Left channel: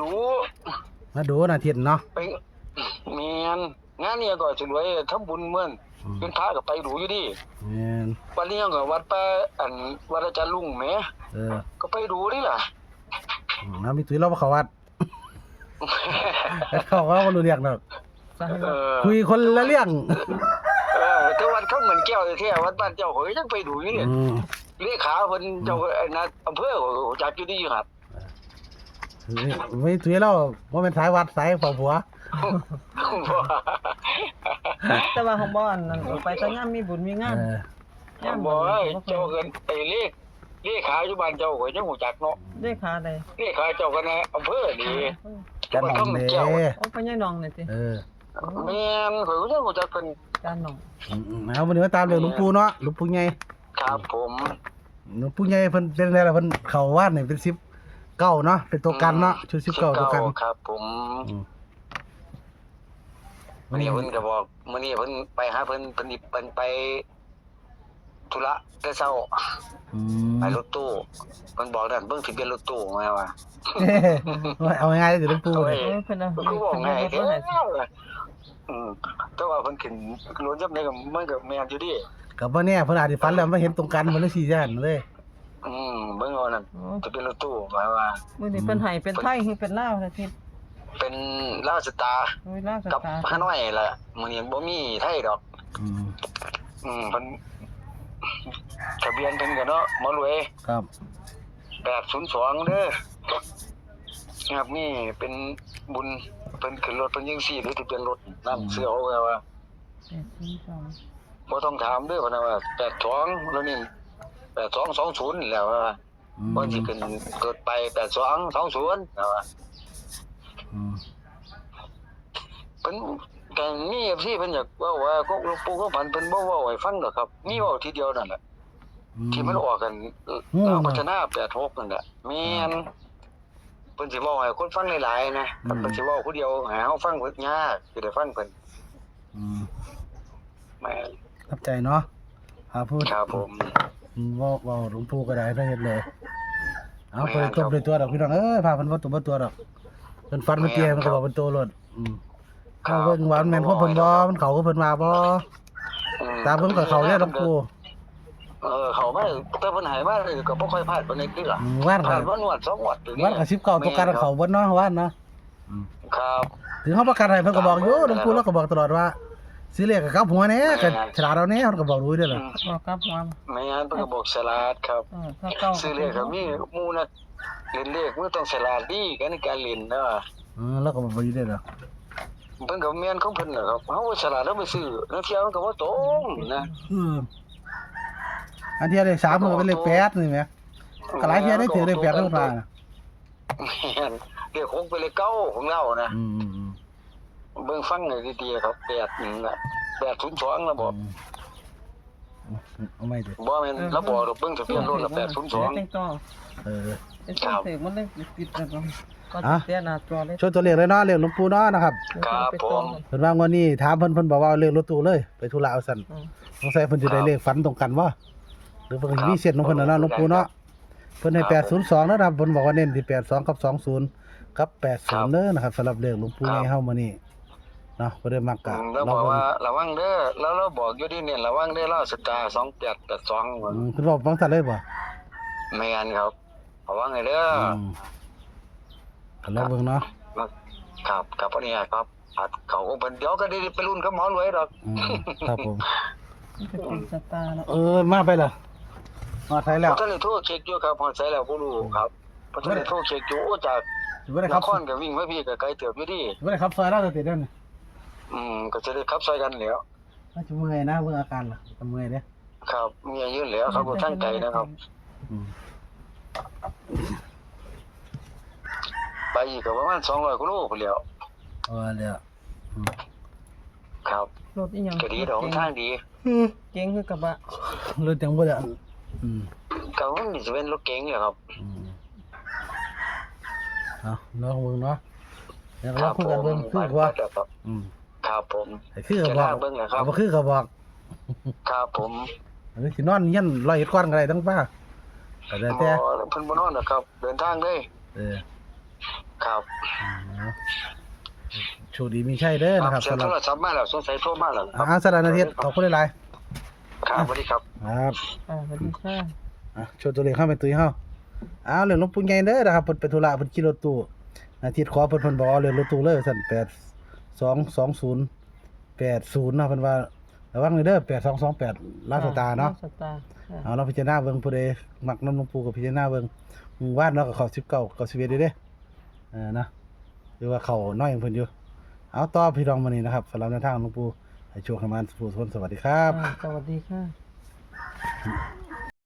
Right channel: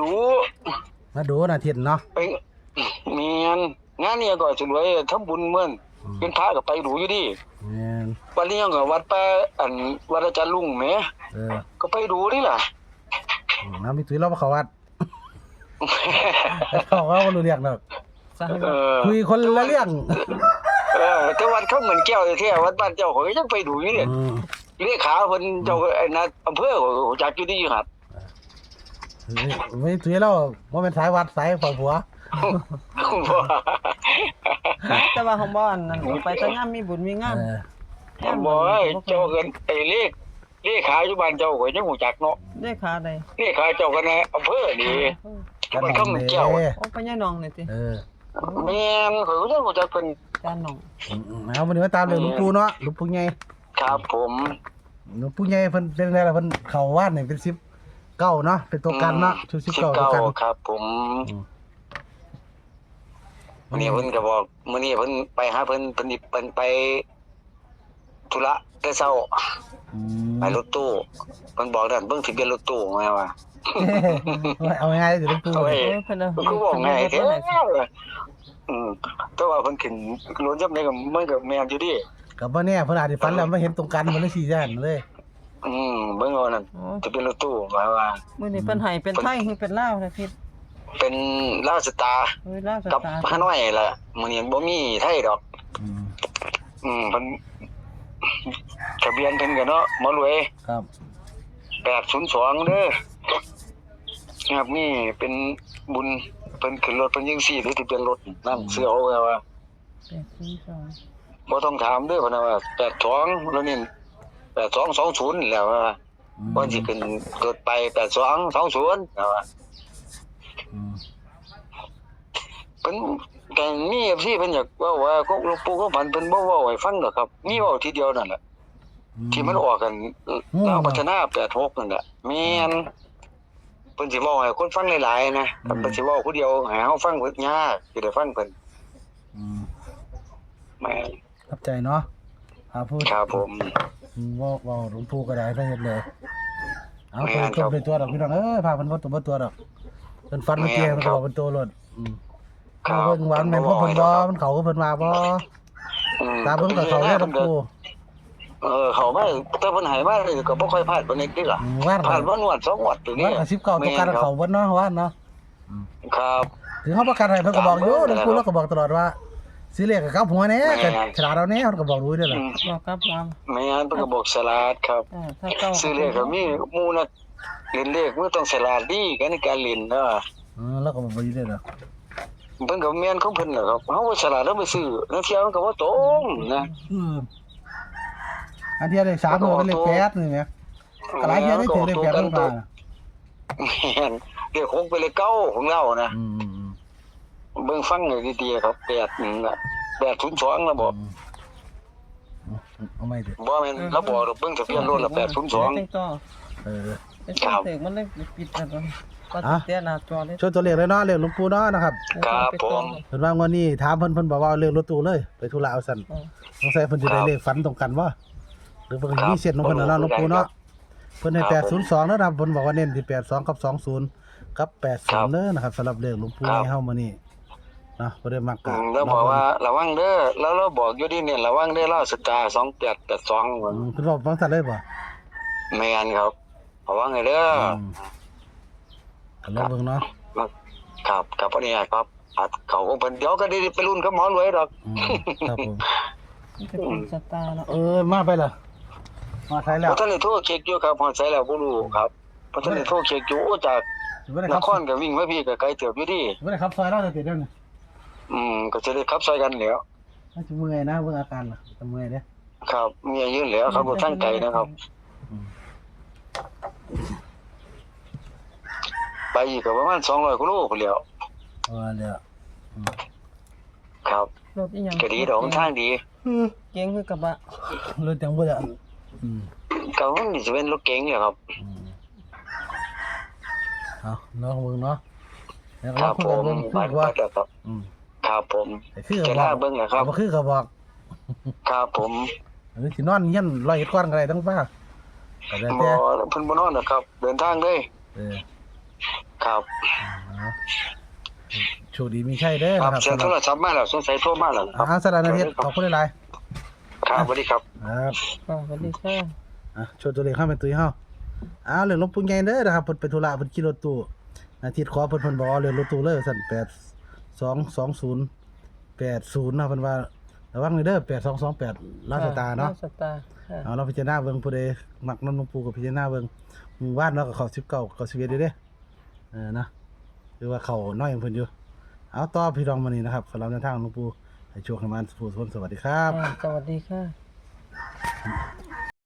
ดูมาดูน่ะทิศเนาะไปเมียนงานนี้ก็สวยทำบุญเหมือนเป็นพระก็ไปดูอยู่ดิแม่นวันนี้ก็วัดป่าวัดอาจารย์ลุงแหมก็ไปดูนี่ล่ะน้ำมีตุ้ยเราบ่เข้าวัดเขาว่าบ่รู้เรื่องดอกคุยคนละเรื่องแต่วัดเขาเหมือนแก้วแท้วัดบ้านเจ้าเขาก็ยังไปดูอยู่นี่เลขาเพิ่นเจ้าไอ้นั่นอำเภอจักอยู่ที่หัดไม่ตุ้ยเราบ่แม่นสายวัดสายเฝ้าผัวแต่ว่าของบ่อนนั่นไปแต่ยามมีบุญมีงานบ่เจ้าเอิ้นไอ้เลขาอยู่บ้านเจ้าก็ยังฮู้จักเนาะเลขาใดเลขาเจ้าก็ในอำเภอนี่กันน้องแก้วโอ้ไปยายน้องนี่ติแม่นเขาก็ยังฮู้จักเพิ่นจานน้องเอามื้อนี้มาตามเรื่องหลวงปู่เนาะหลวงปู่ใหญ่ครับผมหลวงปู่ใหญ่เพิ่นเป็นไงล่ะเพิ่นเข้าวัดนี่เป็น10เก้าเนาะเป็นตัวกันเนาะชุด10เก้าตัวกันครับผมมื้อนี้เพิ่นก็บอกมื้อนี้เพิ่นไปหาเพิ่นไปธุระแต่เช้าไปรถตู้เพิ่นบอกนั่นเบิ่งทะเบียนรถตู้มาว่าเอาง่ายๆสิหลวงปู่เพิ่นก็บอกง่ายแท้แต่ว่าเพิ่นขึ้นรถจับได้ก็มันก็แม่นอยู่ดิก็บ่แน่เพิ่นอาจสิฝันแล้วมาเห็นตรงกันมันเลยสิย่านเลยเบิ่งเอานั่นทะเบียนรถตู้ว่ามื้อนี้เพิ่นให้เป็นไทยคือเป็นลาวล่ะทิศเป็นลาวสตาร์กับฮานอยล่ะมื้อนี้บ่มีไทยดอกเพิ่นทะเบียนเพิ่นก็เนาะหมอรวยครับ802เด้อครับนี่เป็นบุญเพิ่นขึ้นรถเพิ่นยังซี่หรือทะเบียนรถนำเสื้อเอาว่า802บ่ต้องถามเด้อเพิ่นว่า82แล้วนี่8220แล้วว่าบ่สิขึ้นเกิดไป8220ว่าเพิ่นก็มี FC เพิ่นอยากเว้าว่าหลวงปู่เขาฝันเพิ่นบ่เว้าให้ฟังดอกครับมีเว้าทีเดียวนั่นแหละที่มันออกกันดาวพัฒนา86นั่นแหละแม่นเพิ่นสิเว้าให้คนฟังหลายๆนะเพิ่นสิเว้าผู้เดียวให้เฮาฟังเพิ่นยากสิได้ฟังเพิ่นแม่นเข้าใจเนาะพูดครับผมเว้าหลวงปู่ก็ได้ถ้าเฮ็ดเลยเอาเพิ่นด้วยตัวดอกพี่น้องพาเพิ่นบ่ตัวดอกเพิ่นฟันเมื่อกี้มันก็บอกเป็นตัวรถเขาเพิ่นว่าแม่นเพราะเพิ่นบ่มันเขาก็เพิ่นมาบ่ตาเพิ่นก็เขาแล้วหลวงปู่เขามาแต่เพิ่นให้มาก็บ่ค่อยพลาดปานนี้ติล่ะพลาดบ่นวด2งวดตัวนี้วัน19ตัวกันเขาเบิดเนาะวันเนาะครับถึงเฮาประกันให้เพิ่นก็บอกอยู่หลวงปู่แล้วก็บอกตลอดว่าสิเลขกับกลับหัวแน่ก็ฉลาดเอาแน่เพิ่นก็บอกรู้ด้วยล่ะบอกกลับหัวแม่นเพิ่นก็บอกฉลาดครับซื้อเลขก็มีหมู่น่ะเล่นเลขมันต้องฉลาดดีกันในการเล่นเนาะแล้วก็บ่ดีเด้อเพิ่นก็แม่นของเพิ่นน่ะครับเฮาฉลาดแล้วไปซื้อแล้วเที่ยวมันก็บ่ตรงนะอันที่เลข3มันเป็นเลข8นี่แหมก็หลายเที่ยได้ถือเลข8ลงมาแม่นเลข6เป็นเลข9ของเรานะเบิ่งฟังให้ดีๆครับ8นั่นน่ะ802แล้วบ่เอาไม่ดิบ่แม่นแล้วบ่เบิ่งทะเบียนรถละ802ครับมันได้ปิดแล้วก็เสียหน้าจอเลยช่วยตัวเลขเลยเนาะเลขหลวงปู่เนาะนะครับครับผมเพิ่นว่างวดนี้ถามเพิ่นบอกว่าเลขรถตู้เลยไปธุระเอาซั่นสงสัยเพิ่นสิได้เลขฝันตรงกันบ่หรือเพิ่นมีเส้นของเพิ่นเนาะหลวงปู่เนาะเพิ่นให้802นะครับเพิ่นบอกว่าเน้นที่82กับ20กับ80เด้อนะครับสำหรับเลขหลวงปู่ให้เฮามื้อนี้เนาะบ่ได้มักกะแล้วบอกว่าระวังเด้อแล้วเราบอกอยู่ดิเนี่ยระวังเด้อเราสตาร์2882เพิ่นบอกฟังซั่นเลยบ่แม่นครับระวังให้เด้อก็เลยเบิ่งเนาะครับครับอันนี้ครับเขาก็เพิ่นเดี๋ยวก็ได้ไปรุ่นกับหมอรวยดอกครับผมสตาร์เนาะมาไปล่ะมาใช้แล้วบ่ทันได้โทรเช็คอยู่ครับพอใช้แล้วบ่รู้ครับบ่ทันได้โทรเช็คอยู่จากนครก็วิ่งมาพี่ก็ไกลเติบอยู่ดิบ่ได้ขับซอยแล้วจะติดแล้วนี่ก็จะได้ขับซอยกันแล้วมันจะเมื่อยนะเบิ่งอาการล่ะจะเมื่อยเด้ครับเมื่อยอยู่แล้วครับบ่ทางไกลนะครับไปอีกก็ประมาณ200กว่าโลพุ่นแล้วแล้วครับรถอีหยังก็ดีดอกทางดีเก๋งคือกระบะรถจังบ่ล่ะก็มันสิเป็นรถเก๋งแหละครับเนาะเบิ่งเนาะแล้วเราคุยกันเบิ่งคือว่าครับผมคือก็บอกเบิ่งแหละครับบ่คือก็บอกครับผมสินอนเฮียน100เอ็ดก่อนก็ได้ทั้งป้าแต่เพิ่นบ่นอนหรอกครับเดินทางเลยค ครับ โชคดีมีชัยเด้อ ครับ นะครับ เสียง สำห โท รับ รศัพท์มาแล้วสงสัยโทรมาแล้วครับ สารนาเทศขอบคุณหลาย ครับสวัสดีครับ ๆครับ สวัสดีค่ะ โชว์ตัวเลขเข้าเป็นตุ้ยเฮาเรื่องหลวงปู่ใหญ่เด้อนะครับเพิ่นไปธุระเพิ่นขี่รถตู้อาทิตย์ขอเพิ่นบอกเอาเรื่องรถตู้เลยสั่น822080นะเพิ่นว่าระวังเด้อ8228ลาวสตาร์เนาะ ลวสตาร์ค่ะ เราพิจารณาเบิ่งผู้ใดมักนำหลวงปู่ก็พิจารณาเบิ่งวาดเนาะก็เข้า19เข้า11เด้นะหรือว่าเข้าน้อยของเพิ่นอยู่เอาต่อพี่น้องมื้อนี้นะครับสำหรับแนวทางหลวงปู่ให้โชคให้มันสุขสวัสดีครับ สวัสดีค่ะ